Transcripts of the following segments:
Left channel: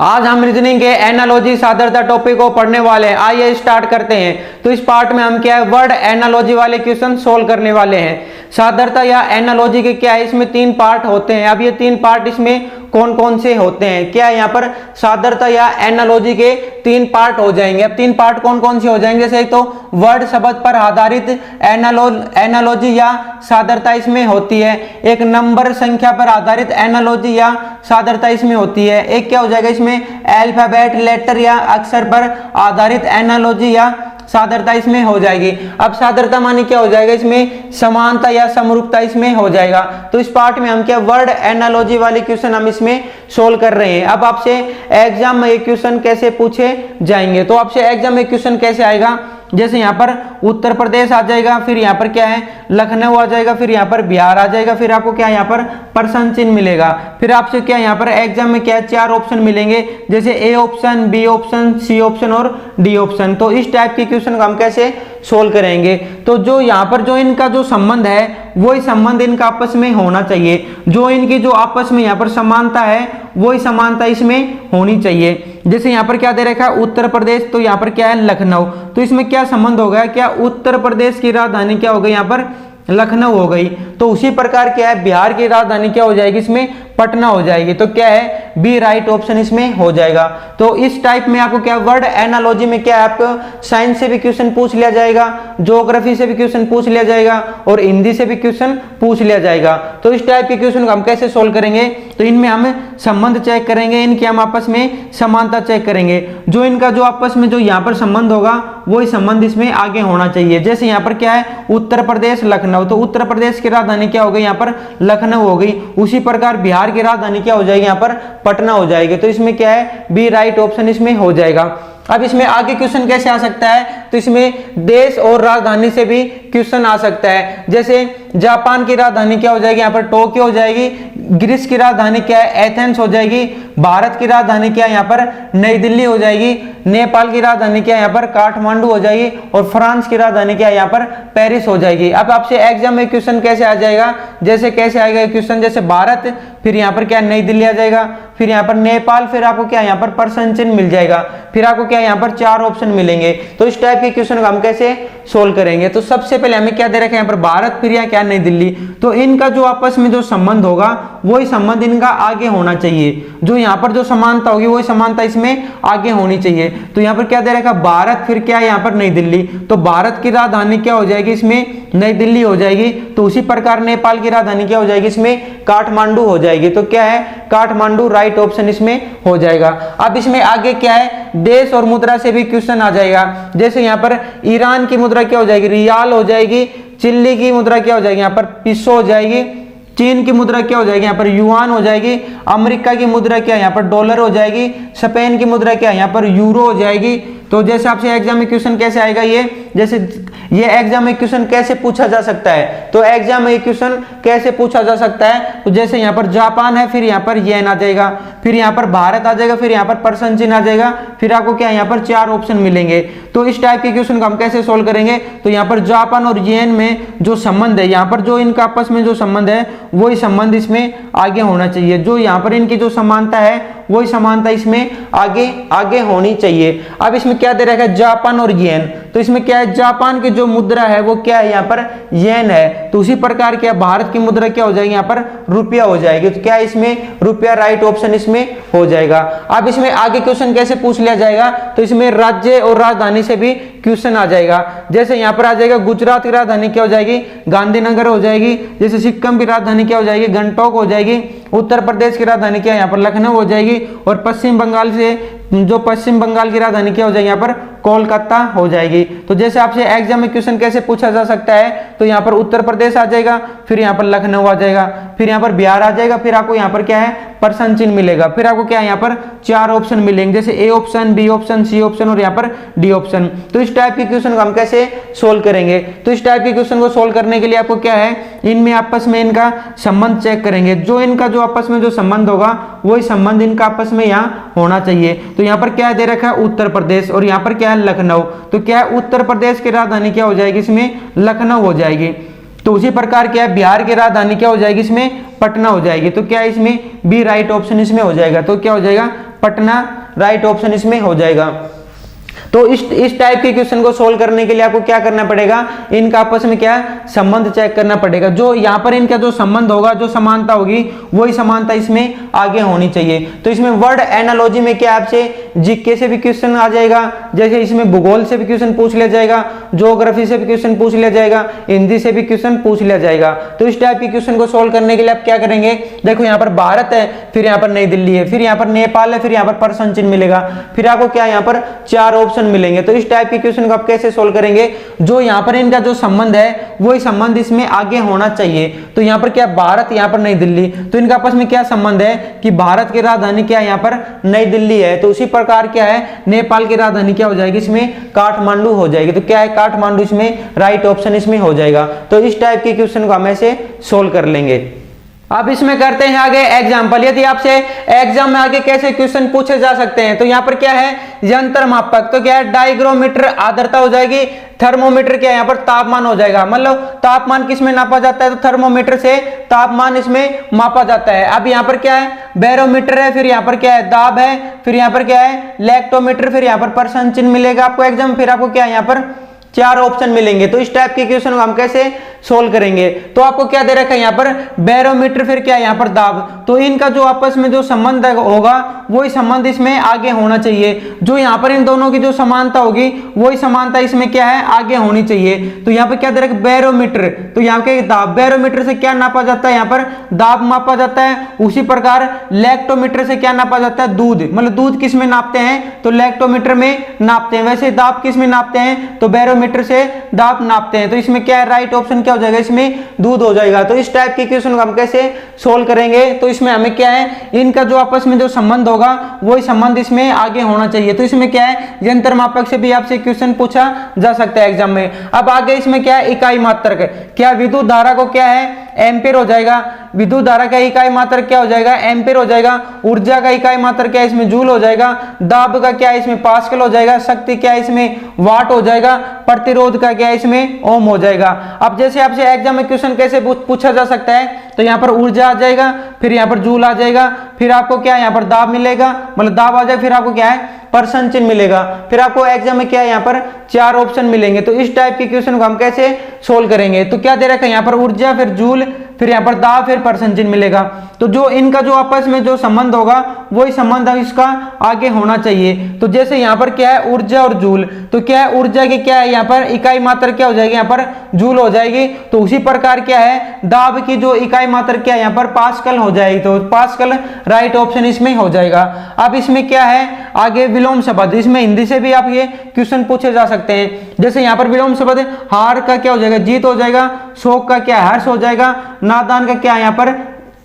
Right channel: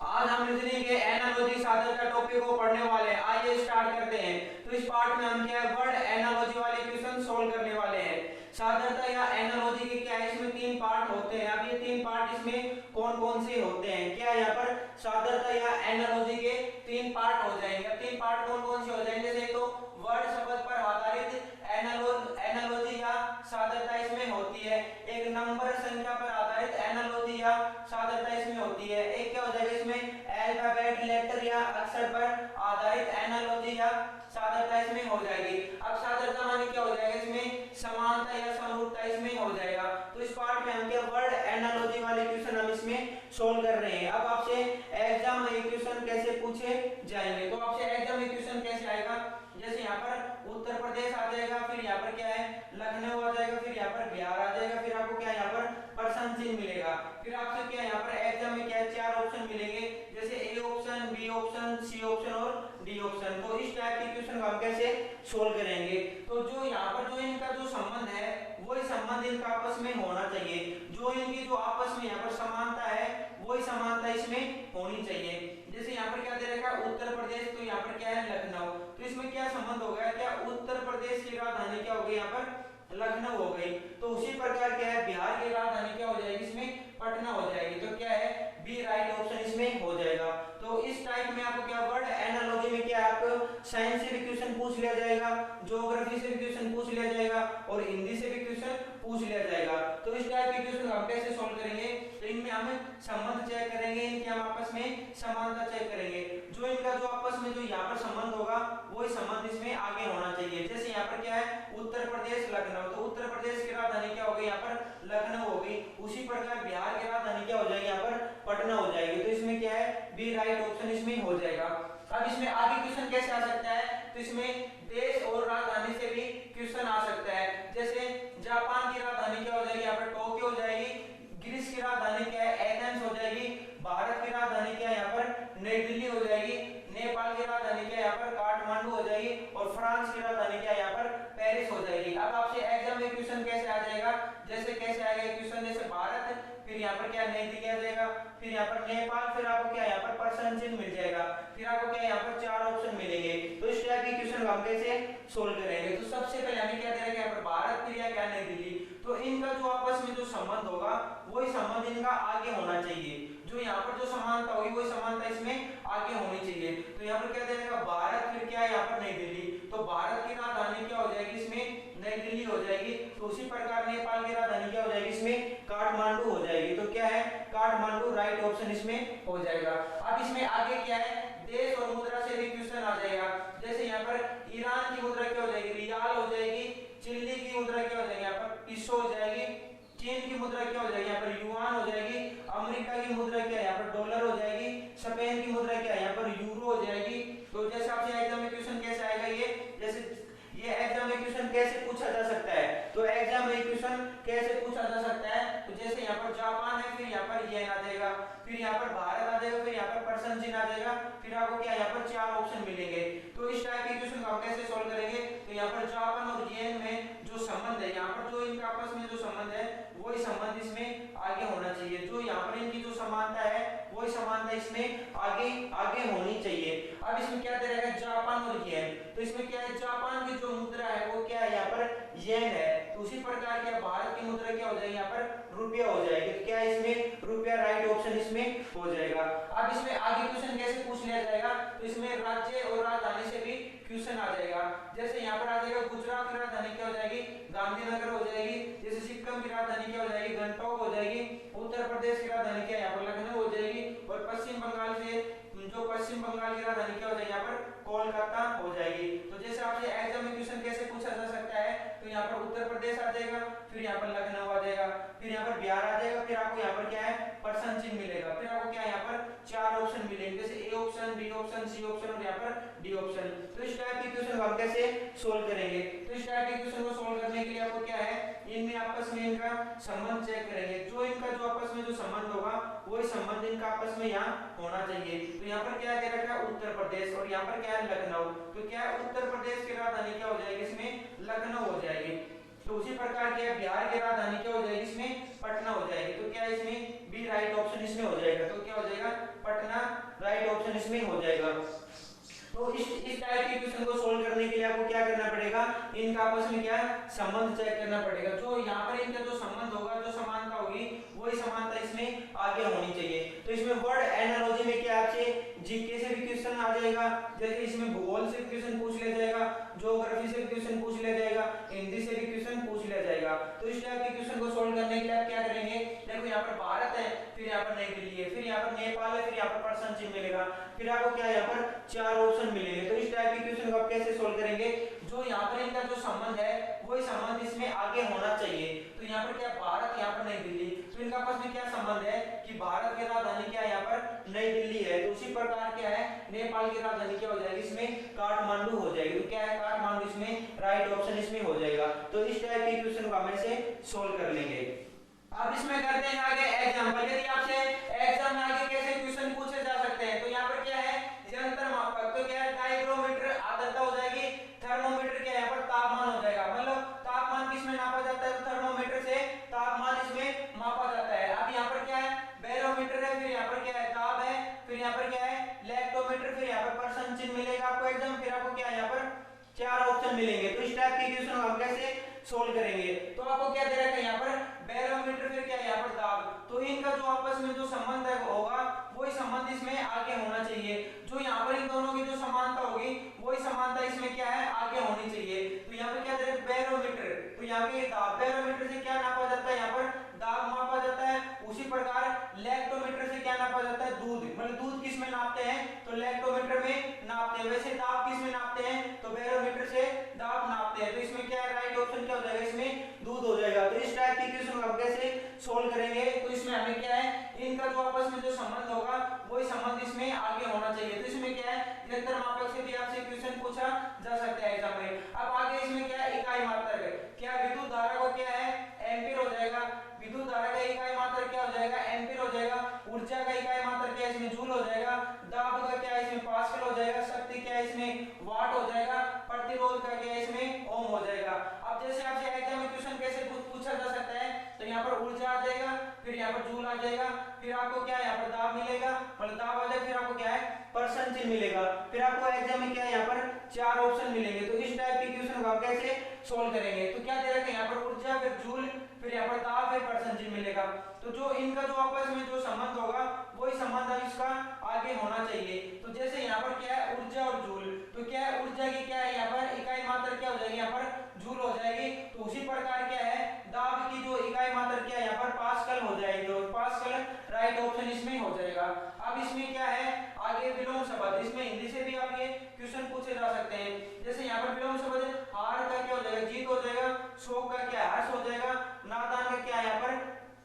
आज हम रीजनिंग के एनालॉजी सादरता टॉपिक को पढ़ने वाले हैं। आइए स्टार्ट करते हैं। तो इस पार्ट में हम क्या है, वर्ड एनालॉजी वाले क्वेश्चन सोल्व करने वाले हैं। सादरता या एनालॉजी के क्या है, इसमें तीन पार्ट होते हैं। अब ये तीन पार्ट इसमें कौन कौन से होते हैं, क्या है यहाँ पर सादरता या एनालॉजी के तीन पार्ट हो जाएंगे। अब तीन पार्ट कौन कौन से हो जाएंगे, जैसे एक तो वर्ड शब्द पर आधारित एनालॉजी या सादरता इसमें होती है। एक नंबर संख्या पर आधारित एनालॉजी या सादरता इसमें होती है। एक क्या हो जाएगा, इसमें अल्फाबेट लेटर या अक्षर पर आधारित एनालॉजी या सादरता इसमें हो जाएगी। अब सादरता माने क्या हो जाएगा, इसमें समानता या समरूपता इसमें हो जाएगा। तो इस पार्ट में हम क्या वर्ड एनालॉजी वाले क्वेश्चन हम इसमें सोल्व कर रहे हैं। अब आपसे एग्जाम में ये क्वेश्चन कैसे पूछे जाएंगे, तो आपसे एग्जाम में क्वेश्चन कैसे आएगा, जैसे यहाँ पर उत्तर प्रदेश आ जाएगा, फिर यहाँ पर क्या है लखनऊ आ जाएगा, फिर यहाँ पर बिहार आ जाएगा, फिर आपको क्या यहाँ पर प्रश्न चिन्ह मिलेगा। फिर आपसे क्या यहाँ पर एग्जाम में क्या है चार ऑप्शन मिलेंगे, जैसे A option, B option, C option और डी ऑप्शन। तो इस टाइप के क्वेश्चन को हम कैसे सोल्व करेंगे, तो जो यहाँ पर जो इनका जो संबंध है वही संबंध इनका आपस में होना चाहिए। जो इनकी जो आपस में यहाँ पर समानता है वही समानता इसमें होनी चाहिए। जैसे यहाँ पर क्या दे रखा है उत्तर प्रदेश, तो यहाँ पर क्या है लखनऊ, तो इसमें क्या संबंध हो गया, क्या उत्तर प्रदेश की राजधानी क्या हो गई यहाँ पर लखनऊ हो गई। तो उसी प्रकार क्या है बिहार की राजधानी क्या हो जाएगी, इसमें पटना हो जाएगी। तो क्या है बी राइट ऑप्शन इसमें हो जाएगा। तो इस टाइप में आपको क्या वर्ड एनालॉजी में क्या है, आपको साइंस से भी क्वेश्चन पूछ लिया जाएगा, ज्योग्राफी से भी क्वेश्चन पूछ लिया जाएगा और हिंदी से भी क्वेश्चन पूछ लिया जाएगा। तो इस टाइप के क्वेश्चन को हम कैसे सोल्व करेंगे, तो इनमें हम संबंध चेक करेंगे, इनकी हम आपस में समानता चेक करेंगे। जो इनका जो आपस में जो यहाँ पर संबंध होगा वही संबंध इसमें आगे होना चाहिए। जैसे यहाँ पर क्या है उत्तर प्रदेश लखनऊ, तो उत्तर प्रदेश की राजधानी क्या हो गई यहाँ पर लखनऊ हो गई। उसी प्रकार बिहार की राजधानी क्या हो जाएगी यहाँ पर पटना हो जाएगी। तो इसमें क्या है बी राइट ऑप्शन इसमें हो जाएगा। अब इसमें आगे क्वेश्चन कैसे आ सकता है, तो इसमें देश और राजधानी से भी क्वेश्चन आ सकता है। जैसे जापान की राजधानी क्या हो जाएगी यहाँ पर टोक्यो हो जाएगी, ग्रीस की राजधानी क्या है एथेंस हो जाएगी, भारत की राजधानी क्या है यहाँ पर नई दिल्ली हो जाएगी, नेपाल की राजधानी क्या है यहाँ पर काठमांडू हो जाएगी और फ्रांस की राजधानी क्या है यहाँ पर पेरिस हो जाएगी। अब आपसे एग्जाम में क्वेश्चन कैसे आ जाएगा, जैसे कैसे आएगा क्वेश्चन, जैसे भारत, फिर यहाँ पर क्या नई दिल्ली आ जाएगा, फिर यहाँ पर नेपाल, फिर आपको क्या यहाँ पर प्रश्न चिन्ह मिल जाएगा, फिर आपको क्या यहाँ पर चार ऑप्शन मिलेंगे। तो इस टाइप के क्वेश्चन को हम कैसे सोल्व करेंगे, तो सबसे पहले हमें क्या दे रखा है यहाँ पर भारत, फिर यहाँ क्या नई दिल्ली। तो इनका जो आपस में जो संबंध होगा वही संबंध इनका आगे होना चाहिए। जो यहाँ पर जो समानता होगी वही समानता इसमें आगे होनी चाहिए। तो यहाँ पर क्या दे रखा भारत, फिर क्या है यहाँ पर नई दिल्ली, तो भारत की राजधानी क्या हो जाएगी इसमें नई दिल्ली हो जाएगी। तो उसी प्रकार नेपाल की राजधानी क्या हो जाएगी इसमें काठमांडू हो जाएगी। तो क्या है काठमांडू राइट ऑप्शन इसमें हो जाएगा। अब इसमें आगे क्या है देश और मुद्रा से भी क्वेश्चन आ जाएगा। जैसे यहाँ पर ईरान की मुद्रा क्या हो जाएगी रियाल हो जाएगी, चिली की मुद्रा क्या हो जाएगी यहाँ पर पिसो हो जाएगी, चीन की मुद्रा क्या हो जाएगी यहाँ पर युआन हो जाएगी, अमेरिका की मुद्रा क्या यहाँ पर डॉलर हो जाएगी, स्पेन की मुद्रा क्या यहाँ पर यूरो हो जाएगी। तो जैसे आपसे एग्जाम में क्वेश्चन कैसे आएगा, ये जैसे ये एग्जाम में क्वेश्चन कैसे पूछा जा सकता है, तो एग्जाम में क्वेश्चन कैसे पूछा जा सकता है, तो जैसे यहाँ पर जापान है, फिर यहाँ पर येन आ जाएगा, फिर यहाँ पर भारत आ जाएगा, फिर यहाँ पर प्रश्न चिन्ह आ जाएगा, फिर आपको क्या यहाँ पर चार ऑप्शन मिलेंगे। तो इस टाइप के क्वेश्चन को हम कैसे सोल्व करेंगे, तो यहाँ पर जापान और येन में जो संबंध है, यहाँ पर जो इनका आपस में जो संबंध है वही संबंध इसमें आगे होना चाहिए। जो यहाँ पर इनकी जो समानता है वही समानता इसमें आगे होनी चाहिए। अब इसमें क्या दे रखा है जापान और येन, तो इसमें क्या है जापान की जो मुद्रा है वो क्या है यहाँ पर येन है। तो उसी प्रकार क्या भारत की मुद्रा क्या हो जाएगी यहाँ पर रुपया हो जाएगी। तो क्या इसमें रुपया राइट ऑप्शन इसमें हो जाएगा। अब इसमें आगे क्वेश्चन कैसे पूछ लिया जाएगा, तो इसमें राज्य और राजधानी से भी क्वेश्चन आ जाएगा। जैसे यहाँ पर आ जाएगा गुजरात की राजधानी क्या हो जाएगी गांधीनगर हो जाएगी, जैसे सिक्किम की राजधानी क्या हो जाएगी गंगटोक हो जाएगी, उत्तर प्रदेश की राजधानी क्या है यहाँ पर लखनऊ हो जाएगी और पश्चिम बंगाल की राजधानी क्या हो जाएगी यहाँ पर कोलकाता हो जाएगी। तो जैसे आपसे एग्जाम में क्वेश्चन कैसे पूछा जा सकता है, तो यहाँ पर उत्तर प्रदेश आ जाएगा, फिर यहाँ पर लखनऊ आ जाएगा, फिर यहाँ पर बिहार आ जाएगा, फिर आपको यहाँ पर क्या है प्रश्न चिन्ह मिलेगा, फिर आपको क्या है यहाँ पर चार ऑप्शन मिलेंगे, जैसे A option, B option, C option और यहाँ पर डी ऑप्शन। तो इस टाइप के क्वेश्चन को हम कैसे सोल्व करेंगे, तो इस टाइप के क्वेश्चन को सोल्व करने के लिए आपको क्या है इनमें आपस में इनका संबंध चेक करेंगे। जो इनका जो आपस में जो संबंध होगा वही संबंध इनका आपस में यहाँ होना चाहिए। तो यहाँ पर क्या दे रखा है उत्तर प्रदेश और यहाँ पर क्या है लखनऊ, तो क्या है उत्तर प्रदेश की राजधानी क्या हो जाएगी इसमें लखनऊ हो जाएगी। तो उसी प्रकार क्या है बिहार की राजधानी क्या हो जाएगी इसमें पटना हो जाएगी। तो क्या इसमें बी राइट ऑप्शन इसमें हो जाएगा। तो क्या हो जाएगा पटना राइट ऑप्शन इसमें हो जाएगा। तो इस टाइप के क्वेश्चन को सोल्व करने के लिए आपको क्या करना पड़ेगा, इनका आपस में क्या संबंध चेक करना पड़ेगा। जो यहाँ पर इनका जो संबंध होगा, जो समानता होगी, वही समानता इसमें आगे होनी चाहिए। तो इसमें वर्ड एनालॉजी में क्या आपसे जीके से भी क्वेश्चन आ जाएगा, जैसे इसमें भूगोल से भी क्वेश्चन पूछ लिया जाएगा, ज्योग्राफी से भी क्वेश्चन पूछ लिया जाएगा, हिंदी से भी क्वेश्चन पूछ लिया जाएगा। तो इस टाइप के क्वेश्चन को सोल्व करने के लिए आप क्या करेंगे, देखो यहाँ पर भारत है, फिर यहाँ पर नई दिल्ली है, फिर यहाँ पर नेपाल है, फिर यहाँ पर प्रश्न चिन्ह मिलेगा, फिर आपको क्या यहाँ पर 4 ऑप्शन मिलेंगे। तो इस टाइप के क्वेश्चन को आप कैसे सोल्व करेंगे, जो यहाँ पर इनका जो संबंध है वही संबंध इसमें आगे होना चाहिए। तो यहाँ पर क्या भारत, यहाँ पर नई दिल्ली, तो इनका आपस में क्या संबंध है कि भारत की राजधानी क्या यहाँ पर नई दिल्ली है, तो उसी प्रकार क्या है नेपाल की राजधानी क्या हो जाएगी इसमें काठमांडू हो जाएगी। तो क्या है काठमांडू इसमें राइट ऑप्शन इसमें हो जाएगा। तो इस टाइप के क्वेश्चन को हम ऐसे सोल्व कर लेंगे। अब इसमें करते हैं आगे एग्जाम्पल। यदि आपसे एग्जाम में आगे कैसे क्वेश्चन पूछे जा सकते हैं, तो यहाँ पर क्या है यंत्र मापक, तो क्या है डाइग्रोमीटर आर्द्रता हो जाएगी, थर्मोमीटर क्या है यहाँ पर तापमान हो जाएगा। मतलब तापमान किस में नापा जाता है, तो थर्मोमीटर से तापमान इसमें मापा जाता है। अब यहाँ पर क्या है बैरोमीटर है, फिर यहाँ पर क्या है दाब है, फिर यहाँ पर क्या है लैक्टोमीटर, फिर यहाँ पर प्रश्न चिन्ह मिलेगा आपको एग्जाम, फिर आपको क्या है यहाँ पर 4 ऑप्शन मिलेंगे। तो इस टाइप के क्वेश्चन को हम कैसे सोल्व करेंगे, तो आपको क्या दे रखा है यहाँ पर बैरोमीटर, फिर क्या है यहाँ पर दाब, तो इनका जो आपस में जो संबंध होगा वही संबंध इसमें आगे होना चाहिए। जो यहाँ पर इन दोनों की जो समानता होगी वही समानता इसमें क्या है आगे होनी चाहिए। तो यहाँ पर क्या दे रखा है बैरोमीटर, तो यहाँ के दाब, बैरोमीटर से क्या नापा जाता है यहाँ पर दाब मापा जाता है। उसी प्रकार लैक्टोमीटर से क्या नापा जाता है दूध, मतलब दूध किस में नापते हैं, तो लैक्टोमीटर में नापते हैं। वैसे दाब किस में नापते हैं, तो बैरोमीटर से दाब नापते हैं। तो इसमें क्या है राइट ऑप्शन क्या हो जाएगा, इसमें दूध हो जाएगा। तो इस टाइप के क्वेश्चन को हम कैसे सोल्व करेंगे, तो इसमें हमें क्या है इनका जो आपस में जो संबंध होगा वही संबंध इसमें आगे होना चाहिए। तो इसमें क्या है यंत्र मापक से भी आपसे क्वेश्चन पूछा जा सकता है एग्जाम में। अब आगे इसमें क्या है इकाई मात्रक, क्या विद्युत धारा को क्या है एम्पीयर हो जाएगा, विद्युत धारा का इकाई मात्रक क्या हो जाएगा एम्पीयर हो जाएगा, ऊर्जा का इकाई मात्रक क्या है इसमें जूल हो जाएगा, दाब का क्या है इसमें पास्कल हो जाएगा, शक्ति क्या है इसमें वाट हो जाएगा, प्रतिरोध का क्या है इसमें ओम हो जाएगा। अब जैसे आपसे एग्जाम में क्वेश्चन कैसे पूछा जा सकता है, तो यहाँ पर ऊर्जा आ जाएगा, फिर यहाँ पर जूल आ जाएगा, फिर आपको क्या है यहाँ पर दाब मिलेगा, मतलब दाब आ जाएगा, फिर आपको क्या है प्रश्न चिन्ह मिलेगा, फिर आपको एग्जाम में क्या है यहाँ पर 4 ऑप्शन मिलेंगे। तो इस टाइप के क्वेश्चन को हम कैसे सोल्व करेंगे, तो क्या दे रखा है यहाँ पर ऊर्जा, फिर जूल, फिर यहाँ पर दाब, फिर प्रश्न चिन्ह मिलेगा। तो जो इनका जो आपस में जो संबंध होगा वही संबंध इसका आगे होना चाहिए। तो जैसे यहाँ पर क्या है ऊर्जा और जूल, तो क्या है ऊर्जा की क्या है यहाँ पर इकाई मात्रक क्या हो जाएगी यहाँ पर जूल हो जाएगी। तो उसी प्रकार क्या है दाब की जो इकाई मात्रक क्या है यहाँ पर पास्कल हो जाएगी। तो पास्कल राइट ऑप्शन इसमें हो जाएगा। अब इसमें क्या है आगे विलोम शब्द, इसमें हिंदी से भी आप ये क्वेश्चन पूछे जा सकते हैं। जैसे यहाँ पर विलोम शब्द हार का क्या हो जाएगा जीत हो जाएगा, शोक का क्या हर्ष हो जाएगा, नादान का क्या यहाँ पर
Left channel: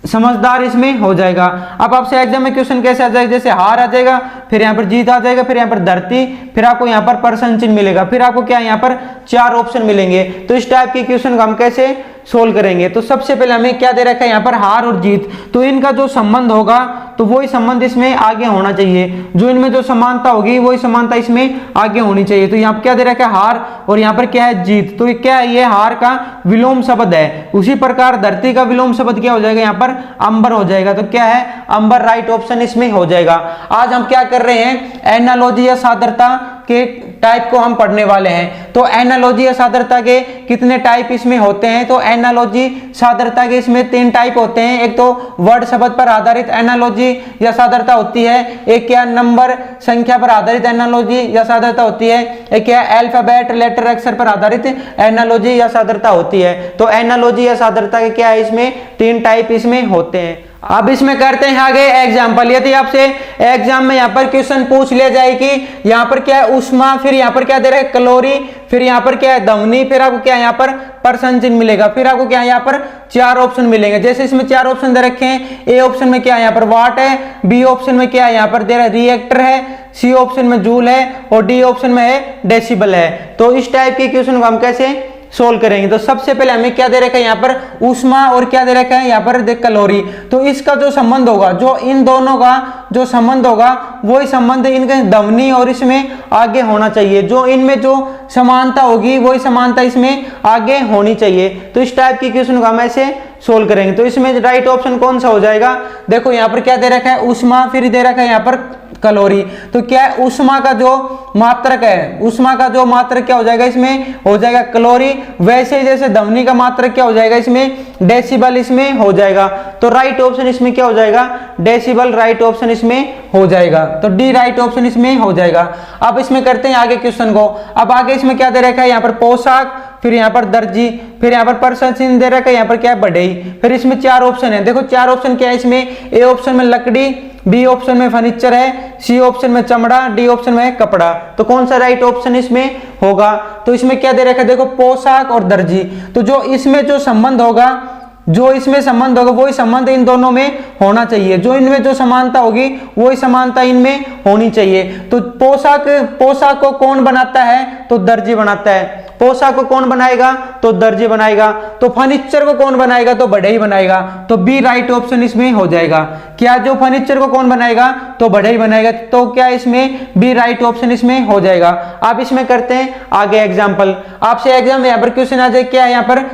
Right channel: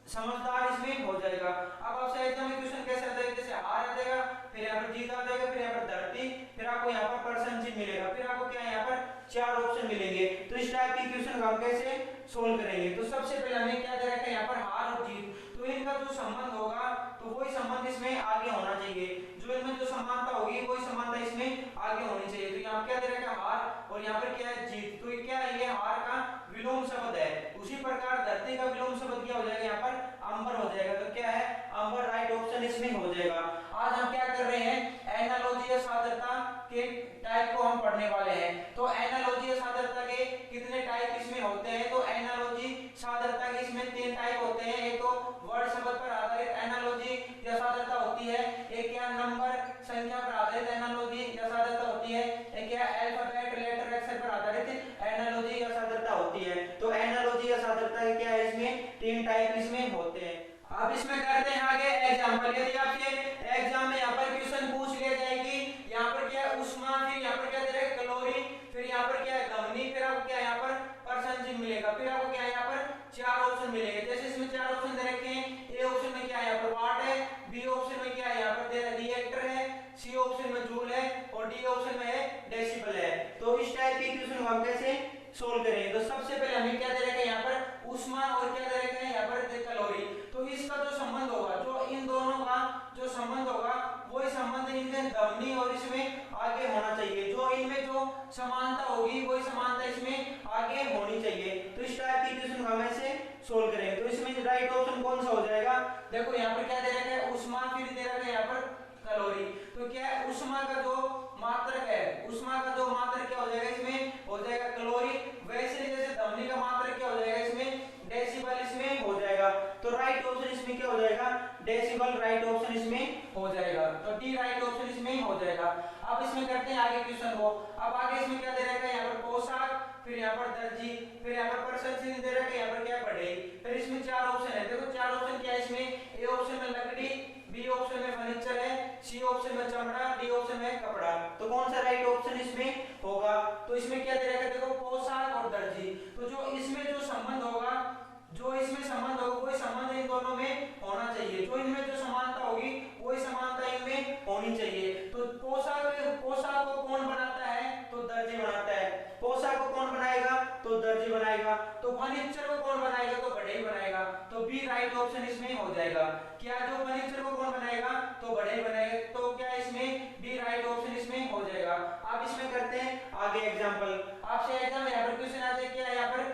समझदार इसमें हो जाएगा। अब आपसे एग्जाम में क्वेश्चन कैसे आ जाएगा, जैसे हार आ जाएगा, फिर यहाँ पर जीत आ जाएगा, फिर यहाँ पर धरती, फिर आपको यहाँ पर प्रश्न चिन्ह मिलेगा, फिर आपको क्या यहाँ पर 4 ऑप्शन मिलेंगे। तो इस टाइप के क्वेश्चन को हम कैसे सोल्व करेंगे, तो सबसे पहले हमें क्या दे रखा है यहाँ पर हार और जीत, तो इनका जो संबंध होगा तो वही संबंध इसमें आगे होना चाहिए। जो इनमें जो समानता होगी वही समानता इसमें आगे होनी चाहिए। तो यहाँ पर क्या दे रखा है हार और यहाँ पर क्या है जीत, तो क्या है ये हार का विलोम शब्द है। उसी प्रकार धरती का विलोम शब्द क्या हो जाएगा यहाँ पर अंबर हो जाएगा। तो क्या है अंबर राइट ऑप्शन इसमें हो जाएगा। आज हम क्या कर रहे हैं एनालॉजी या सादरता के टाइप को हम पढ़ने वाले हैं। तो एनालॉजी या सादरता के कितने टाइप इसमें होते हैं, तो एनालॉजी सादरता के इसमें 3 टाइप होते हैं। एक तो वर्ड शब्द पर आधारित एनालॉजी या सादरता होती है, एक क्या नंबर संख्या पर आधारित एनालॉजी या सादरता होती है, एक क्या अल्फाबेट लेटर अक्षर पर आधारित एनालॉजी या सादरता होती है। तो एनालॉजी या सादरता के क्या है इसमें 3 टाइप इसमें होते हैं। अब इसमें करते हैं आगे एग्जाम्पल। यदि आपसे एग्जाम में यहाँ पर क्वेश्चन पूछ लिया जाए कि यहाँ पर क्या है उष्मा, फिर यहाँ पर क्या दे रहे हैं कैलोरी, फिर यहाँ पर क्या है ध्वनि, फिर आपको क्या है यहाँ पर प्रश्न चिन्ह मिलेगा, फिर आपको क्या है यहाँ पर 4 ऑप्शन मिलेंगे। जैसे इसमें 4 ऑप्शन दे रखे हैं, ए ऑप्शन में क्या है यहाँ पर वाट है, बी ऑप्शन में क्या है यहाँ पर दे रहा है रिएक्टर है, सी ऑप्शन में जूल है और डी ऑप्शन में है डेसिबल है। तो इस टाइप के क्वेश्चन को हम कैसे सोल्व करेंगे, तो सबसे पहले हमें क्या दे रखा है यहाँ पर ऊष्मा और क्या दे रखा है यहाँ पर कैलोरी। तो इसका जो संबंध होगा, जो इन दोनों का जो संबंध होगा वही संबंध इनके ध्वनि और इसमें आगे होना चाहिए। जो इनमें जो समानता होगी वही समानता इसमें आगे होनी चाहिए। तो इस टाइप की क्वेश्चन को हम ऐसे सोल्व करेंगे। तो इसमें राइट ऑप्शन कौन सा हो जाएगा, देखो यहाँ पर क्या दे रखा है ऊष्मा, फिर दे रखा है यहाँ पर कैलोरी। तो क्या है ऊष्मा का जो मात्रक है, ऊष्मा का जो मात्रक क्या हो जाएगा इसमें हो जाएगा कैलोरी। वैसे जैसे ध्वनि का मात्रक क्या हो जाएगा इसमें डेसिबल इसमें हो जाएगा। तो राइट ऑप्शन इसमें क्या हो जाएगा डेसिबल, राइट ऑप्शन इसमें हो जाएगा। तो डी राइट ऑप्शन इसमें हो जाएगा। अब इसमें करते हैं आगे क्वेश्चन को। अब आगे इसमें क्या दे रखा है यहाँ पर पोशाक, फिर यहाँ पर दर्जी, फिर यहाँ पर पर्सन चिन्ह दे रखा है, यहाँ पर क्या है बढ़ई। फिर इसमें चार ऑप्शन है, देखो चार ऑप्शन क्या है इसमें, ए ऑप्शन में लकड़ी, बी ऑप्शन में फर्नीचर है, सी ऑप्शन में चमड़ा, डी ऑप्शन में है कपड़ा। तो कौन सा राइट ऑप्शन इसमें होगा, तो इसमें क्या दे रखा है देखो पोशाक और दर्जी। तो जो इसमें जो संबंध होगा, जो इसमें संबंध होगा वही संबंध इन दोनों में होना चाहिए, जो इनमें जो समानता होगी वही समानता इनमें होनी चाहिए। तो पोशाक को कौन बनाता है, तो दर्जी बनाता है। पोशाक को कौन बनाएगा, तो दर्जी बनाएगा। तो फर्नीचर को कौन बनाएगा, तो बढ़ई बनाएगा। तो बी राइट ऑप्शन इसमें हो जाएगा। क्या जो फर्नीचर को कौन बनाएगा, तो बढ़ई बनाएगा। तो क्या इसमें बी राइट ऑप्शन इसमें हो जाएगा। आप इसमें करते हैं आगे एग्जाम्पल। आपसे एग्जाम यहाँ पर क्वेश्चन आ जाए, क्या है यहाँ पर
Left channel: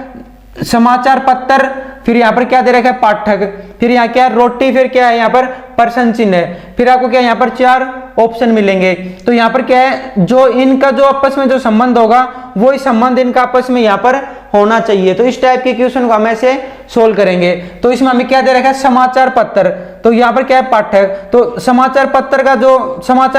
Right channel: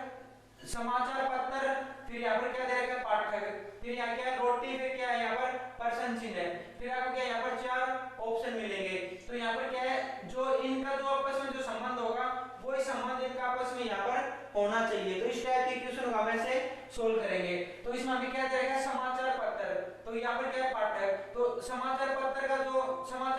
समाचार पत्र, फिर यहाँ पर क्या दे रखा है पाठक, फिर यहाँ क्या है रोटी, फिर क्या है यहाँ पर पर्सन चिन्ह है। फिर आपको क्या यहाँ पर चार ऑप्शन मिलेंगे। तो यहाँ पर क्या है जो इनका जो आपस में जो संबंध होगा वही संबंध इनका आपस में यहाँ पर होना चाहिए। तो इस टाइप के क्वेश्चन को हम ऐसे सोल्व करेंगे। तो इसमें हमें क्या दे रखा है समाचार पत्र, तो यहाँ पर क्या है पाठक। तो समाचार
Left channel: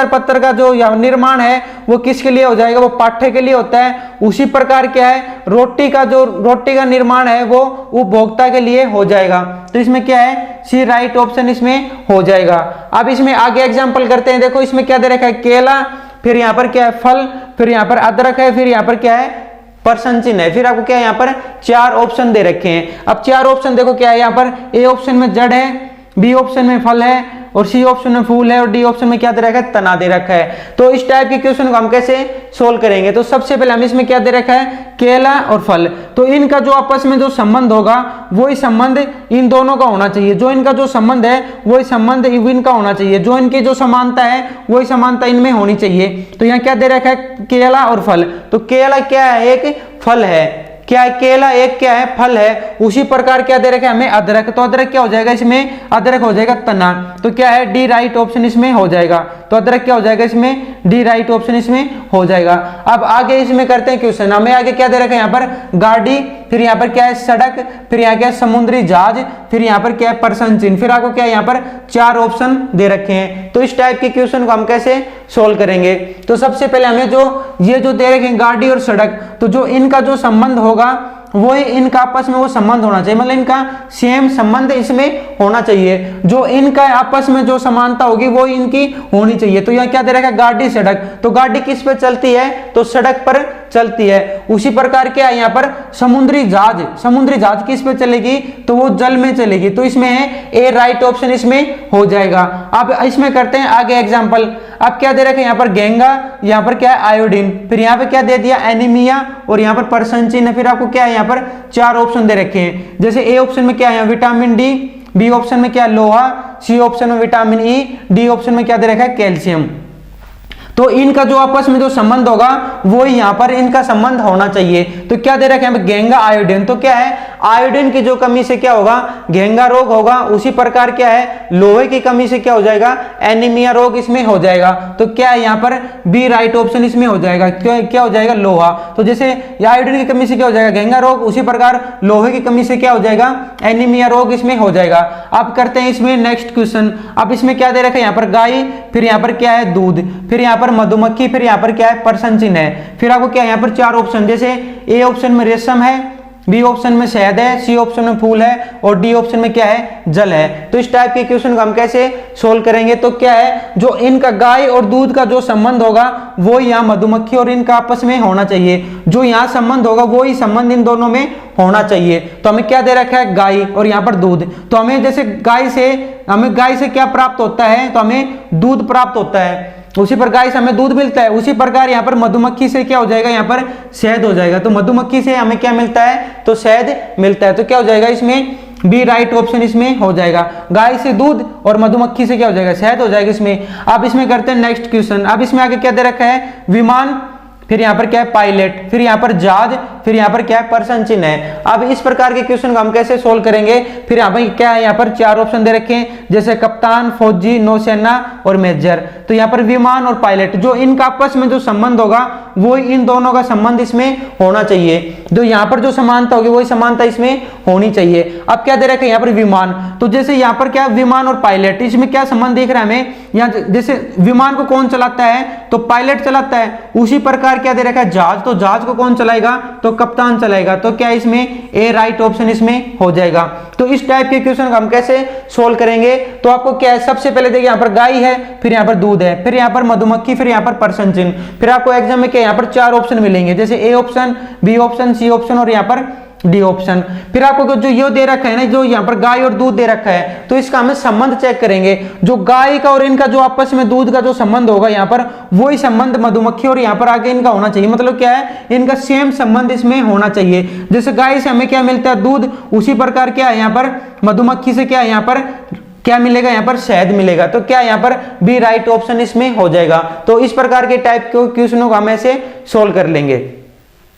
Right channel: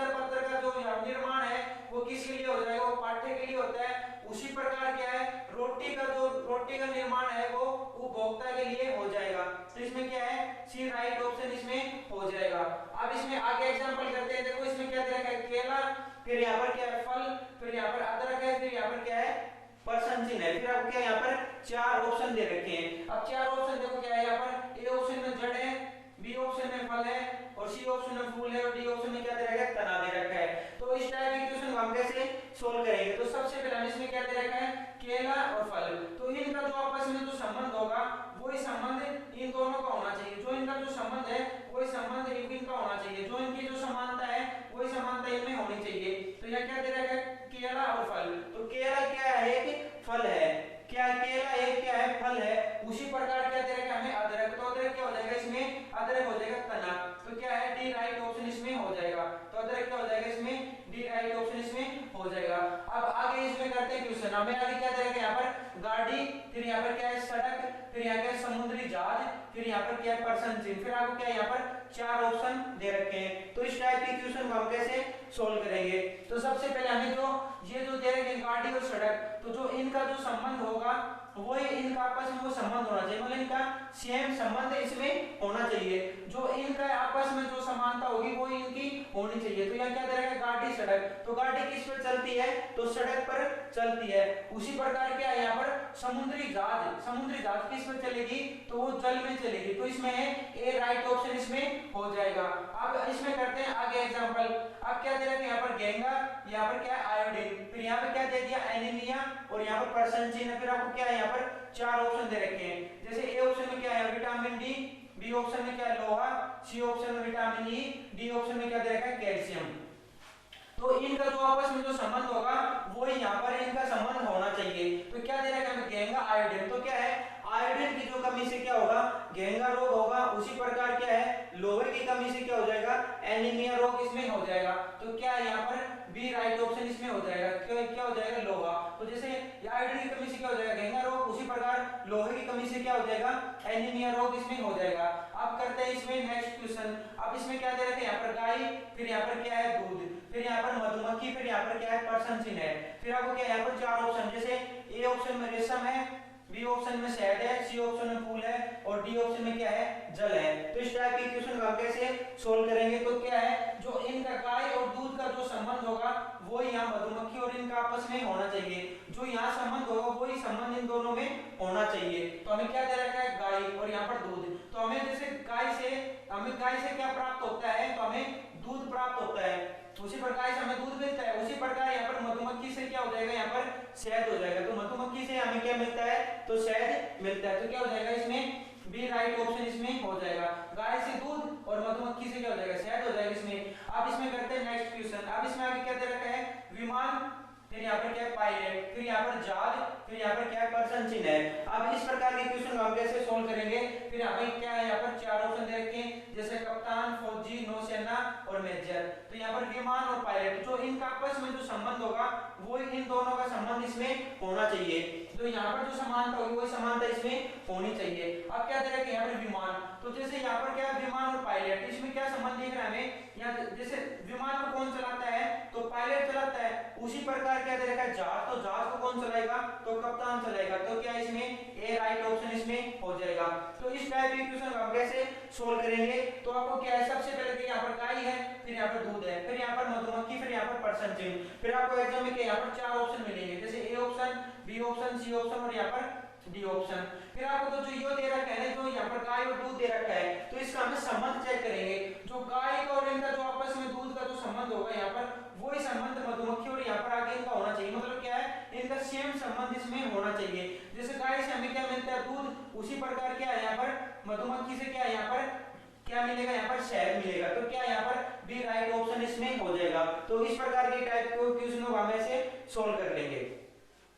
पत्र का जो निर्माण है वो किसके लिए हो जाएगा, वो पाठक के लिए होता है। उसी प्रकार क्या है रोटी का निर्माण है वो उपभोक्ता के लिए हो जाएगा। तो इसमें क्या है सी राइट ऑप्शन इसमें हो जाएगा। अब इसमें आगे एग्जांपल करते हैं। देखो इसमें क्या दे रखा है केला, फिर यहाँ पर क्या है फल, फिर यहाँ पर अदरक है, फिर यहाँ पर क्या है पर्सन चिन्ह है। फिर आपको क्या है यहाँ पर चार ऑप्शन दे रखे हैं। अब चार ऑप्शन देखो क्या है यहाँ पर, ए ऑप्शन में जड़ है, बी ऑप्शन में फल है, और सी ऑप्शन में फूल है, और डी ऑप्शन में क्या दे रखा है तना दे रखा है। तो इस टाइप के क्वेश्चन को हम कैसे सोल्व करेंगे, तो सबसे पहले हम इसमें क्या दे रखा है केला और फल। तो इनका जो आपस में जो संबंध होगा वही संबंध इन दोनों का होना चाहिए। जो इनका जो संबंध है वही संबंध इनका होना चाहिए। जो इनकी जो समानता है वही समानता इनमें होनी चाहिए। तो यहाँ क्या दे रखा है केला और फल। तो केला क्या है एक फल है, क्या है केला एक क्या है फल है। उसी प्रकार क्या दे रखा है हमें अदरक। तो अदरक क्या हो जाएगा इसमें, अदरक हो जाएगा तना। तो क्या है डी राइट ऑप्शन इसमें हो जाएगा। तो अदरक क्या हो जाएगा इसमें डी राइट ऑप्शन इसमें हो जाएगा। अब आगे इसमें करते हैं क्वेश्चन। हमें आगे क्या दे रखा है यहाँ पर गाड़ी, फिर यहाँ पर क्या है सड़क, फिर यहाँ क्या है समुद्री जहाज, फिर यहाँ पर क्या है पर्सन चिन्ह। फिर आपको क्या है यहाँ पर चार ऑप्शन दे रखे हैं। तो इस टाइप के क्वेश्चन को हम कैसे सोल्व करेंगे, तो सबसे पहले हमें ये जो दे रखे हैं गाड़ी और सड़क, तो जो इनका जो संबंध होगा वो इनका आपस में वो संबंध होना चाहिए, मतलब इनका सेम संबंध इसमें होना चाहिए। जो इनका आपस में जो समानता होगी वो इनकी होनी चाहिए। तो यहाँ क्या दे रखा है गाड़ी सड़क, तो गाड़ी किस पे चलती है, तो सड़क पर चलती है। उसी प्रकार क्या है यहाँ पर समुद्री जहाज किस पे चलेगी, तो वो जल में चलेगी। तो इसमें है ए राइट ऑप्शन इसमें हो जाएगा। अब इसमें करते हैं आगे एग्जांपल। अब क्या दे रखे हैं यहाँ पर गेंगा, यहाँ पर क्या है आयोडीन, फिर यहाँ पे क्या दे दिया एनीमिया, और यहाँ पर पर्सन चिन्ह। फिर आपको क्या है यहाँ पर चार ऑप्शन दे रखे हैं। जैसे ए ऑप्शन में क्या है विटामिन डी, बी ऑप्शन में क्या है लोहा, सी ऑप्शन में विटामिन ई, डी ऑप्शन में क्या दे रखा है कैल्शियम। तो इनका जो आपस में जो संबंध होगा वो यहाँ पर इनका संबंध होना चाहिए। तो क्या दे रखे हैं गेंगा आयोडीन, तो क्या है आयोडीन की जो कमी से क्या होगा गेंगा रोग होगा। उसी प्रकार क्या है लोहे की कमी से क्या हो जाएगा एनीमिया रोग इसमें हो जाएगा। तो क्या है यहाँ पर बी राइट ऑप्शन इसमें हो जाएगा। क्या हो जाएगा लोहा। तो जैसे आयोडीन की कमी से क्या हो जाएगा गेंगा रोग, उसी प्रकार लोहे की कमी से क्या हो जाएगा एनीमिया रोग इसमें हो जाएगा। अब करते हैं इसमें नेक्स्ट क्वेश्चन। अब इसमें क्या दे रखा है यहाँ पर गाय, फिर यहाँ पर क्या है दूध, फिर यहाँ पर मधुमक्खी, फिर यहाँ पर क्या है पर्सन चिन्ह है। फिर आपको क्या है यहाँ पर चार ऑप्शन, जैसे ए ऑप्शन में रेशम है, बी ऑप्शन में शहद है, सी ऑप्शन में फूल है, और डी ऑप्शन में क्या है जल है। तो इस टाइप के क्वेश्चन को हम कैसे सोल्व करेंगे, तो क्या है जो इनका गाय और दूध का जो संबंध होगा वो यहाँ मधुमक्खी और इनका आपस में होना चाहिए। जो यहाँ संबंध होगा वो ही संबंध इन दोनों में होना चाहिए। तो हमें क्या दे रखा है गाय और यहाँ पर दूध। तो हमें जैसे गाय से क्या प्राप्त होता है, तो हमें दूध प्राप्त होता है। उसी प्रकार से हमें दूध मिलता है। उसी प्रकार यहाँ पर मधुमक्खी से क्या हो जाएगा यहाँ पर शहद हो जाएगा। तो मधुमक्खी से हमें क्या मिलता है, तो शहद मिलता है। तो क्या हो जाएगा इसमें बी राइट ऑप्शन इसमें हो जाएगा। गाय से दूध और मधुमक्खी से क्या हो जाएगा शहद हो जाएगा इसमें। अब इसमें करते हैं नेक्स्ट क्वेश्चन। अब इसमें आगे क्या दे रखा है विमान, फिर यहाँ पर क्या है पायलट, फिर यहाँ पर जहाज, फिर यहाँ पर क्या है प्रश्न चिन्ह है। अब इस प्रकार के क्वेश्चन को हम कैसे सोल्व करेंगे, फिर यहाँ पर क्या है, यहाँ पर 4 ऑप्शन दे रखे हैं जैसे कप्तान, फौजी, नौसेना और मेजर। तो यहाँ पर विमान और पायलट, जो इनका आपस में जो संबंध होगा वो इन दोनों का संबंध इसमें होना चाहिए, जो यहाँ पर जो समानता होगी वही समानता इसमें होनी चाहिए। अब क्या दे रखा है यहाँ पर विमान, तो जैसे यहाँ पर क्या विमान और पायलट, इसमें क्या संबंध दिख रहा है हमें, यहाँ जैसे विमान को कौन चलाता है तो पायलट चलाता है, उसी प्रकार क्या दे रखा है जहाज, तो जहाज को कौन चलाएगा तो कप्तान चलाएगा। तो क्या इसमें ए राइट ऑप्शन इसमें हो जाएगा। तो इस टाइप के क्वेश्चन को हम कैसे सोल्व करेंगे, तो आपको क्या है सबसे पहले देखिए यहाँ पर गाय है, फिर यहाँ पर दूध है, फिर यहाँ पर मधुमक्खी, फिर यहाँ पर प्रश्न चिन्ह, फिर आपको एग्जाम में क्या यहाँ पर 4 ऑप्शन मिलेंगे जैसे A option, B option, C option और यहाँ पर डी ऑप्शन। फिर आपको जो ये दे रखा है ना, जो यहाँ पर गाय और दूध दे रखा है, तो इसका हमें संबंध चेक करेंगे। जो गाय का और इनका जो आपस में दूध का जो संबंध होगा यहाँ पर, वही संबंध मधुमक्खी और यहाँ पर आगे इनका होना चाहिए। मतलब क्या है, इनका सेम संबंध इसमें होना चाहिए। जैसे गाय से हमें क्या मिलता है दूध, उसी प्रकार क्या है यहाँ पर मधुमक्खी से क्या है यहाँ पर क्या मिलेगा, यहाँ पर शहद मिलेगा। तो क्या यहाँ पर बी राइट ऑप्शन इसमें हो जाएगा। तो इस प्रकार के टाइप के क्वेश्चनों को हम ऐसे सोल्व कर लेंगे।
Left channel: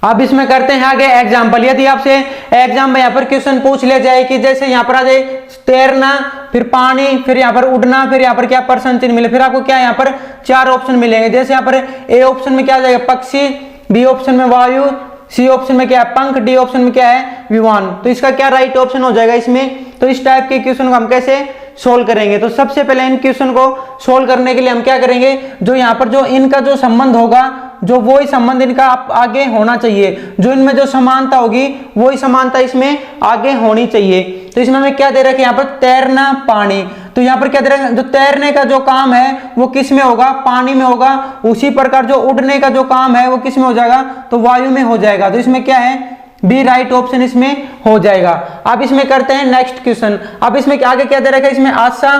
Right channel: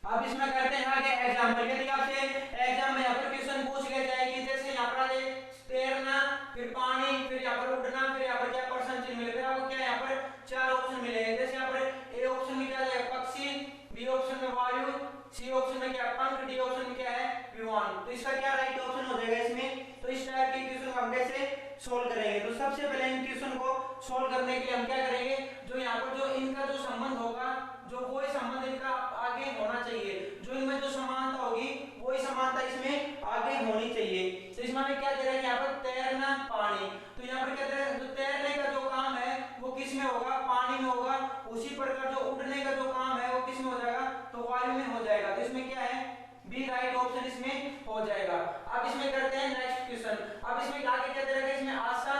अब इसमें करते हैं आगे एग्जाम्पल। यदि आपसे एग्जाम में यहाँ पर क्वेश्चन पूछ लिया जाए कि जैसे यहाँ पर आ जाए तैरना, फिर पानी, फिर यहाँ पर उड़ना, फिर यहाँ पर क्या प्रश्न चिन्ह मिले, फिर आपको क्या यहाँ पर 4 ऑप्शन मिलेंगे। जैसे यहाँ पर ए ऑप्शन में क्या आ जाएगा पक्षी, बी ऑप्शन में वायु, सी ऑप्शन में क्या है पंख, डी ऑप्शन में क्या है विमान। तो इसका क्या राइट ऑप्शन हो जाएगा इसमें। तो इस टाइप के क्वेश्चन को हम कैसे सोल्व करेंगे, तो सबसे पहले इन क्वेश्चन को सोल्व करने के लिए हम क्या करेंगे, जो यहाँ पर जो इनका जो संबंध होगा, जो वही संबंध इनका आगे होना चाहिए, जो इनमें जो समानता होगी वही समानता इसमें आगे होनी चाहिए। तो इसमें हमें क्या दे रखा है यहाँ पर तैरना, पानी। तो यहाँ पर क्या दे रखा है, जो तैरने का जो काम है वो किस में होगा, पानी में होगा। उसी प्रकार जो उड़ने का जो काम है वो किस में हो जाएगा, तो वायु में हो जाएगा। तो इसमें क्या है बी राइट ऑप्शन इसमें हो जाएगा। अब इसमें करते हैं नेक्स्ट क्वेश्चन। अब इसमें आगे क्या दे रखा है, इसमें आशा,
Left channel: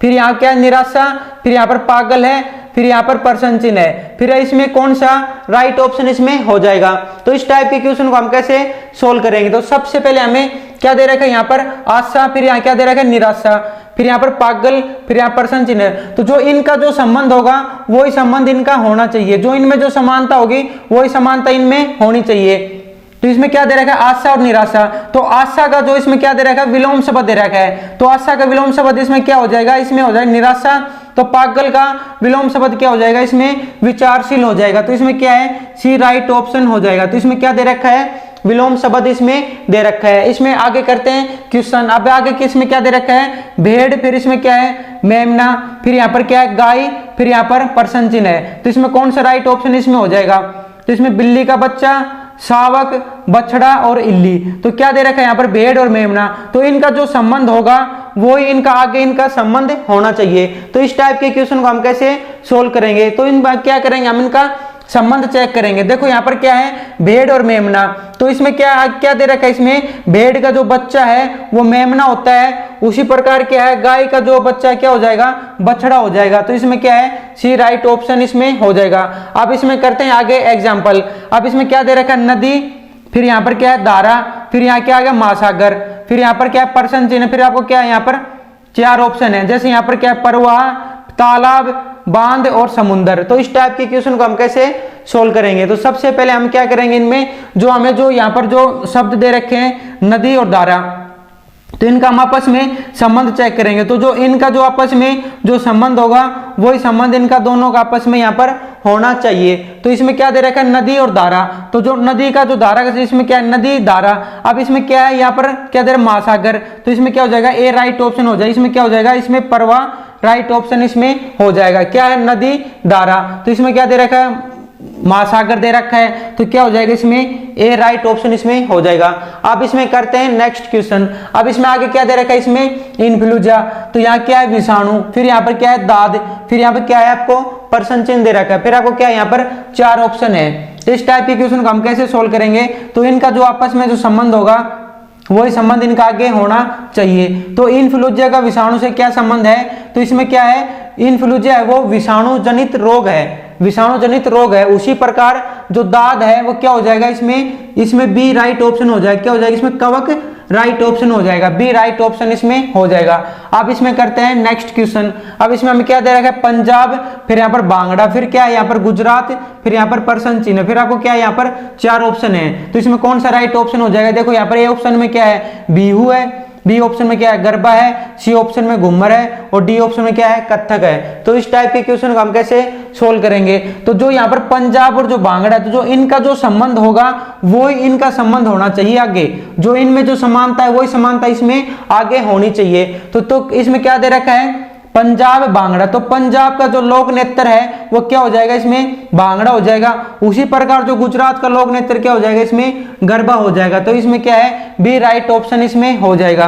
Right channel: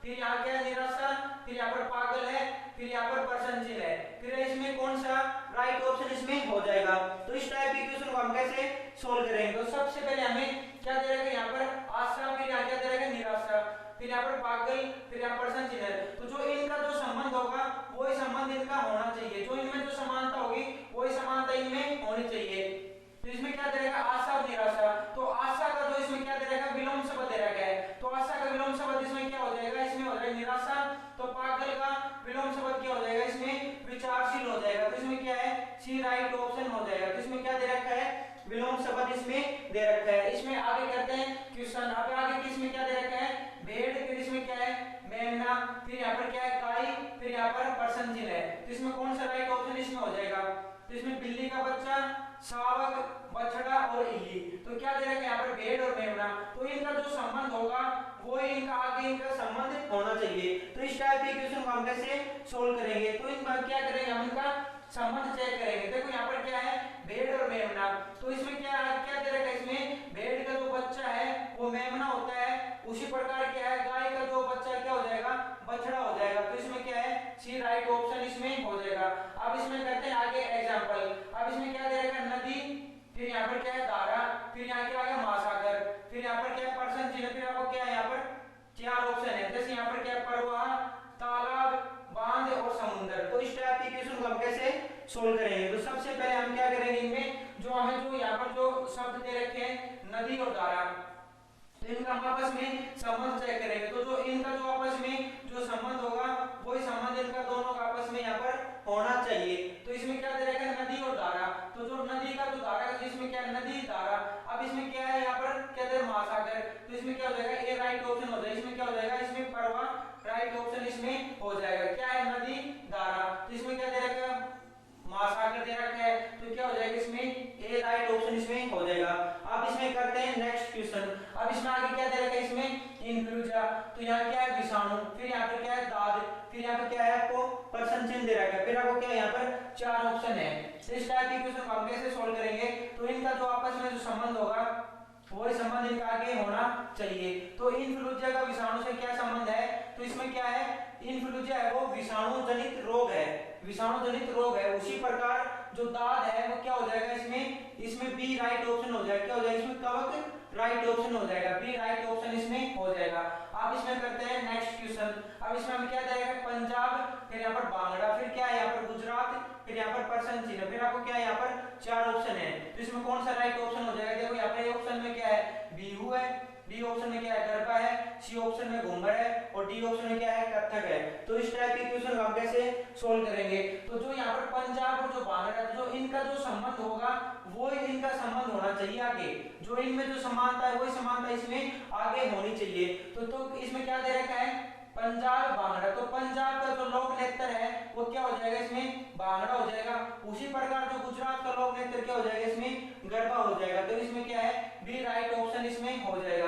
फिर यहाँ क्या है निराशा, फिर यहाँ पर पागल है, फिर यहाँ पर प्रश्न चिन्ह है, फिर इसमें कौन सा राइट ऑप्शन इसमें हो जाएगा। तो इस टाइप के क्वेश्चन को हम कैसे सोल्व करेंगे, तो सबसे पहले हमें क्या दे रखा है यहाँ पर आशा, फिर यहाँ क्या दे रखा है निराशा, फिर यहाँ पर पागल, फिर यहाँ प्रश्न चिन्ह। तो जो इनका जो संबंध होगा वही संबंध इनका होना चाहिए, जो इनमें जो समानता होगी वही समानता इनमें होनी चाहिए। तो इसमें क्या दे रखा है आशा और निराशा। तो आशा का जो इसमें क्या दे रखा है विलोम शब्द दे रखा है, तो आशा का विलोम शब्द इसमें क्या हो जाएगा, इसमें हो जाएगा निराशा। तो पागल का विलोम शब्द क्या हो जाएगा, इसमें विचारशील हो जाएगा। तो इसमें क्या है सी राइट ऑप्शन हो जाएगा। तो इसमें क्या दे रखा है विलोम शब्द इसमें दे रखा है। इसमें आगे करते हैं क्वेश्चन। अब आगे किसमें क्या दे रखा है भेड़, फिर इसमें क्या है मेमना, फिर यहाँ पर क्या है गाय, फिर यहाँ पर प्रश्न चिन्ह है। तो इसमें कौन सा राइट ऑप्शन इसमें हो जाएगा, तो इसमें बिल्ली का बच्चा, शावक, बछड़ा और इल्ली। तो क्या दे रखा है यहाँ पर भेड़ और मेमना। तो इनका जो संबंध होगा वो ही इनका आगे इनका संबंध होना चाहिए। तो इस टाइप के क्वेश्चन को हम कैसे सोल्व करेंगे, तो इन बात क्या करेंगे हम इनका संबंध चेक करेंगे। देखो यहाँ पर क्या है भेड़ और मेमना। तो इसमें क्या दे रखा है, इसमें भेड़ का जो बच्चा है वो मेमना होता है। उसी प्रकार क्या है गाय का जो बच्चा क्या हो जाएगा बछड़ा हो जाएगा। तो इसमें क्या है सी राइट ऑप्शन इसमें हो जाएगा। अब इसमें करते हैं आगे एग्जाम्पल। अब इसमें क्या दे रखा है नदी, फिर यहाँ पर क्या है धारा, फिर यहाँ क्या आ गया महासागर, फिर यहाँ पर क्या है प्रश्न चिन्ह, फिर आपको क्या है यहाँ पर 4 ऑप्शन है। जैसे यहाँ पर क्या है परवाह, तालाब, बांध और समुद्र। तो इस टाइप के क्वेश्चन को हम कैसे सोल्व करेंगे, तो सबसे पहले हम क्या करेंगे इनमें जो हमें जो यहाँ पर जो शब्द दे रखे हैं नदी और धारा, तो इनका हम आपस में संबंध चेक करेंगे। तो जो इनका जो आपस में जो संबंध होगा वही संबंध इनका दोनों का आपस में यहाँ पर होना चाहिए। तो इसमें क्या दे रखा है नदी और धारा। तो जो नदी का जो धारा का इसमें क्या है नदी धारा। अब इसमें क्या है यहाँ पर क्या दे रहा है महासागर। तो इसमें क्या हो जाएगा ए राइट ऑप्शन हो जाएगा। इसमें क्या हो जाएगा इसमें परवाह राइट ऑप्शन इसमें हो जाएगा। क्या है नदी धारा। तो इसमें क्या दे रखा है महासागर दे रखा है। तो क्या हो जाएगा इसमें ए राइट ऑप्शन इसमें हो जाएगा। अब इसमें करते हैं नेक्स्ट क्वेश्चन। अब इसमें आगे क्या दे रखा है इसमें इन्फ्लुएंजा। तो यहाँ क्या है विषाणु, फिर यहाँ पर क्या है दाद, फिर यहाँ पर क्या है आपको प्रश्न चिन्ह दे रखा है, फिर आपको क्या है यहाँ पर 4 ऑप्शन है। तो इस टाइप के क्वेश्चन को हम कैसे सोल्व करेंगे, तो इनका जो आपस में जो संबंध होगा वही संबंध इनका आगे होना चाहिए। तो इन्फ्लुएंजा का विषाणु से क्या संबंध है, तो इसमें क्या है इन्फ्लुएंजा है वो विषाणु जनित रोग है, विषाणु जनित रोग है। उसी प्रकार जो दाद है वो क्या हो जाएगा इसमें बी राइट ऑप्शन हो जाएगा। क्या हो जाएगा इसमें कवक राइट ऑप्शन हो जाएगा, बी राइट ऑप्शन इसमें हो जाएगा। अब इसमें करते हैं नेक्स्ट क्वेश्चन। अब इसमें हमें क्या दे रखा है, पंजाब, फिर यहाँ पर बांग्ला, फिर क्या है यहाँ पर गुजरात, फिर यहाँ पर पर्सन चिन्ह, फिर आपको क्या है यहाँ पर 4 ऑप्शन है। तो इसमें कौन सा राइट ऑप्शन हो जाएगा, देखो यहाँ पर ए ऑप्शन में क्या है, बिहू है, बी ऑप्शन में क्या है, गरबा है, सी ऑप्शन में घूमर है, और डी ऑप्शन में क्या है, कथक है। तो इस टाइप के क्वेश्चन को हम कैसे सोल्व करेंगे, तो जो यहाँ पर पंजाब और जो बांग्ला है, तो जो इनका जो संबंध होगा वो ही इनका संबंध होना चाहिए आगे, जो इनमें जो समानता है वही समानता इसमें आगे होनी चाहिए। तो इसमें क्या दे रखा है, पंजाब बांग्ला, तो पंजाब का जो लोक नृत्य है वो क्या हो जाएगा, इसमें बांग्ला हो जाएगा। उसी प्रकार जो गुजरात का लोक नृत्य क्या हो जाएगा, इसमें गरबा हो जाएगा। तो इसमें क्या है, बी राइट ऑप्शन इसमें हो जाएगा।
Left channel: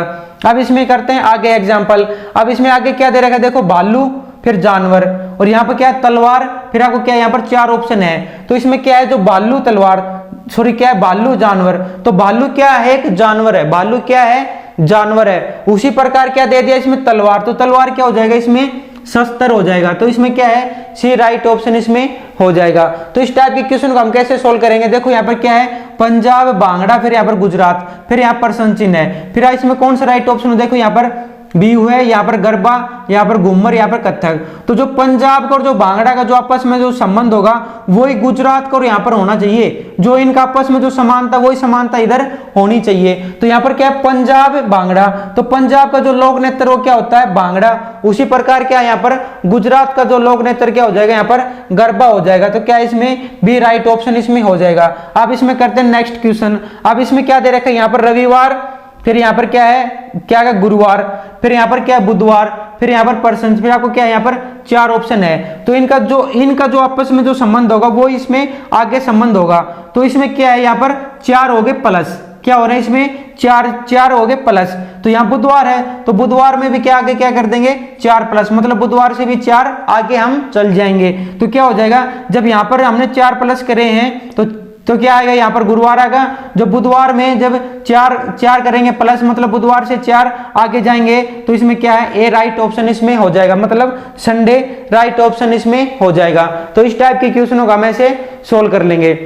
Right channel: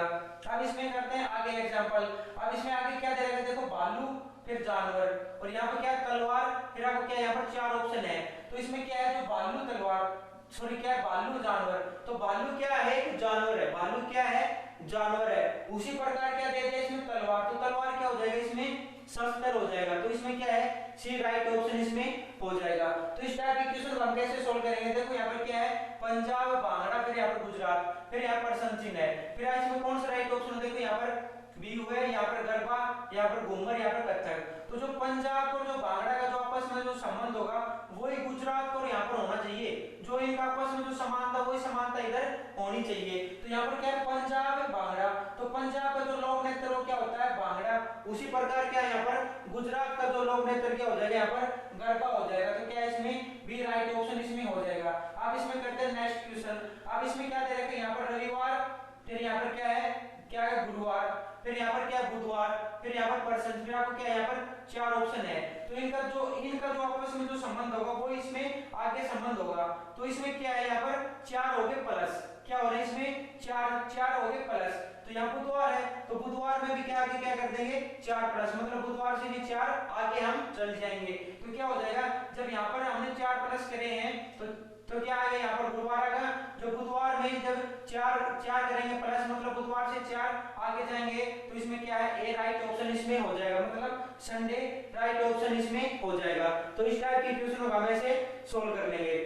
अब इसमें करते हैं आगे एग्जांपल। अब इसमें आगे क्या दे रखा है, देखो भालू, फिर जानवर, और यहाँ पर क्या है, तलवार, फिर आपको क्या है यहाँ पर 4 ऑप्शन है। तो इसमें क्या है, जो भालू तलवार, सॉरी क्या है, भालू जानवर, तो भालू क्या है, एक जानवर है, भालू क्या है, जानवर है। उसी प्रकार क्या दे दिया इसमें, तलवार, तो तलवार क्या हो जाएगा, इसमें शस्त्र हो जाएगा। तो इसमें क्या है, सी राइट ऑप्शन इसमें हो जाएगा। तो इस टाइप के क्वेश्चन को हम कैसे सोल्व करेंगे, देखो यहाँ पर क्या है, पंजाब बांग्ला, फिर यहाँ पर गुजरात, फिर यहाँ पर पर्सन चिन्ह है, फिर इसमें कौन सा राइट ऑप्शन हो, देखो यहाँ पर बिहू है, यहाँ पर गरबा, यहाँ पर घूमर, यहाँ पर कथक। तो जो पंजाब का और जो बांग्ला का जो आपस में जो संबंध होगा वही गुजरात का और यहाँ पर होना चाहिए, जो इनका आपस में जो समानता वही समानता इधर होनी चाहिए। तो यहाँ पर क्या है, पंजाब बांग्ला, तो पंजाब का जो लोक नृत्य वो क्या होता है, बांग्ला। उसी प्रकार क्या यहाँ पर गुजरात का जो लोक नृत्य क्या हो जाएगा, यहाँ पर गरबा हो जाएगा। तो क्या इसमें बी राइट ऑप्शन इसमें हो जाएगा। अब इसमें करते हैं नेक्स्ट क्वेश्चन। अब इसमें क्या दे रखा है, यहाँ पर रविवार, फिर यहाँ पर क्या है, क्या है, गुरुवार, फिर यहाँ पर क्या है, बुधवार, फिर यहाँ पर पर्सन, फिर आपको क्या है यहाँ पर 4 ऑप्शन है। तो इनका जो आपस में जो संबंध होगा वो इसमें आगे संबंध होगा। तो इसमें क्या है, यहाँ पर 4 हो गए प्लस, क्या हो रहा है इसमें, 4 हो गए प्लस। तो यहाँ बुधवार है, तो बुधवार में भी क्या आगे क्या कर देंगे, 4 प्लस, मतलब बुधवार से भी 4 आगे हम चल जाएंगे। तो क्या हो जाएगा, जब यहाँ पर हमने 4 प्लस करे हैं तो क्या आएगा, यहाँ पर गुरुवार आएगा। जब बुधवार में जब 4 करेंगे प्लस, मतलब बुधवार से 4 आगे जाएंगे, तो इसमें क्या है, ए राइट ऑप्शन इसमें हो जाएगा, मतलब संडे राइट ऑप्शन इसमें हो जाएगा। तो इस टाइप के क्वेश्चनों का हम ऐसे सोल्व कर लेंगे।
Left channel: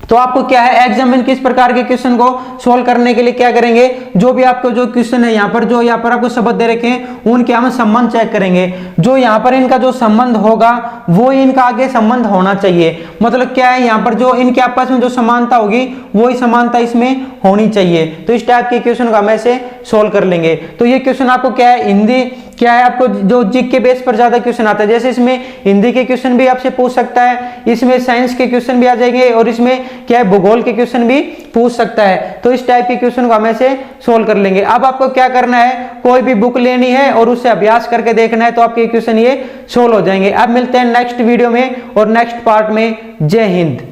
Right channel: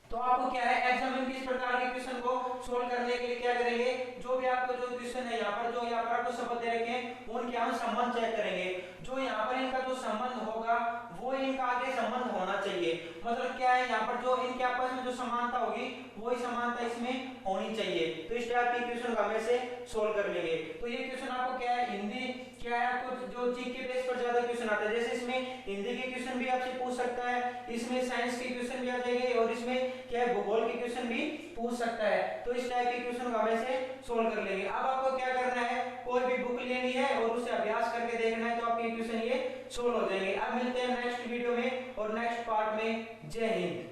तो आपको क्या है, एग्जाम में किस प्रकार के क्वेश्चन को सोल्व करने के लिए क्या करेंगे, जो भी आपको जो क्वेश्चन है यहाँ पर आपको शब्द दे रखे हैं उनके हम संबंध चेक करेंगे। जो यहाँ पर इनका जो संबंध होगा वो इनका आगे संबंध होना चाहिए, मतलब क्या है, यहाँ पर जो इनके आपस में जो समानता होगी वही समानता इसमें होनी चाहिए। तो इस टाइप के क्वेश्चन को हम ऐसे सोल्व कर लेंगे। तो ये क्वेश्चन आपको क्या है, हिंदी क्या है, आपको जो जीके के बेस पर ज्यादा क्वेश्चन आता है, जैसे इसमें हिंदी के क्वेश्चन भी आपसे पूछ सकता है, इसमें साइंस के क्वेश्चन भी आ जाएंगे, और इसमें क्या है, भूगोल के क्वेश्चन भी पूछ सकता है। तो इस टाइप के क्वेश्चन को हम ऐसे सोल्व कर लेंगे। अब आपको क्या करना है, कोई भी बुक लेनी है और उससे अभ्यास करके देखना है, तो आपके क्वेश्चन ये सोल्व हो जाएंगे। अब मिलते हैं नेक्स्ट वीडियो में और नेक्स्ट पार्ट में। जय हिंद।